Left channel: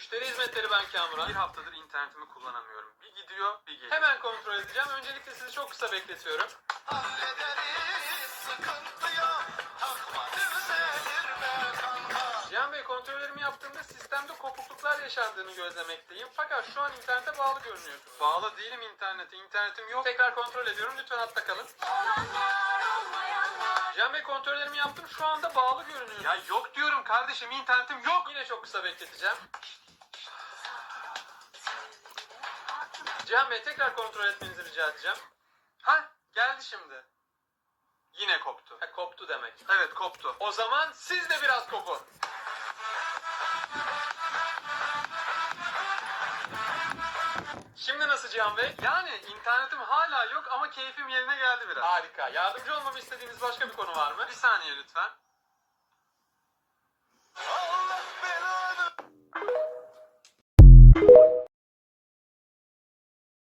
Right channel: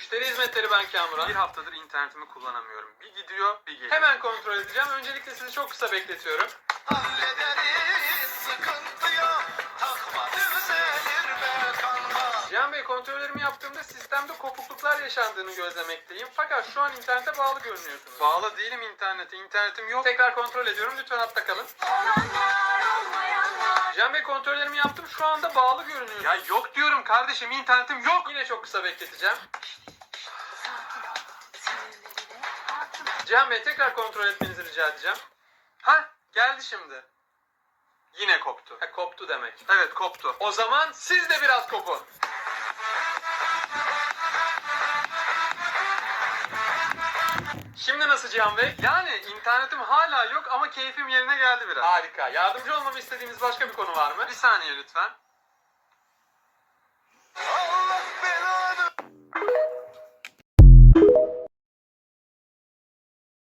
Müşteri hizmetleri ben Kamuran. Bir haftadır internetimi kullanamıyorum. Bir gidiyor bir geliyor. Hemen kontrol edeceğim. Öncelikle sizi çok kısa bekletiyorum. Hallederiz sıkıntı yok Takma düzelir be kanka Cihan Bey kontrollerimi yaptığımda sistemde kopukluklar yaşandığını gözlemekteyim. Fakat şu an internete bağlı görünüyorsunuz. Bağlı değilim internete. İnternetim yok. Tekrar kontrol ediyorum. Lütfen hatta kalın. Cihan Bey kontrollerimi yaptım. Şu anda bağlı görünüyor. Ya yok diyorum kardeşim internetim yok. Yine çok kısa bekleteceğim. Cihan Bey tekrar kontrol etmenizi rica edeceğim. Ha geldi şimdi. Yine koptu. Ha, koptu demek. Evet koptu. O zaman siz de biraz kopun. Şimdi nasıl Cihan Bey? Yani internetim hala yok ama keyfim yerine geldi biraz. Harika. Yardımcı olmamı istediğiniz başka bir konu var mı? Bir saniye lütfen.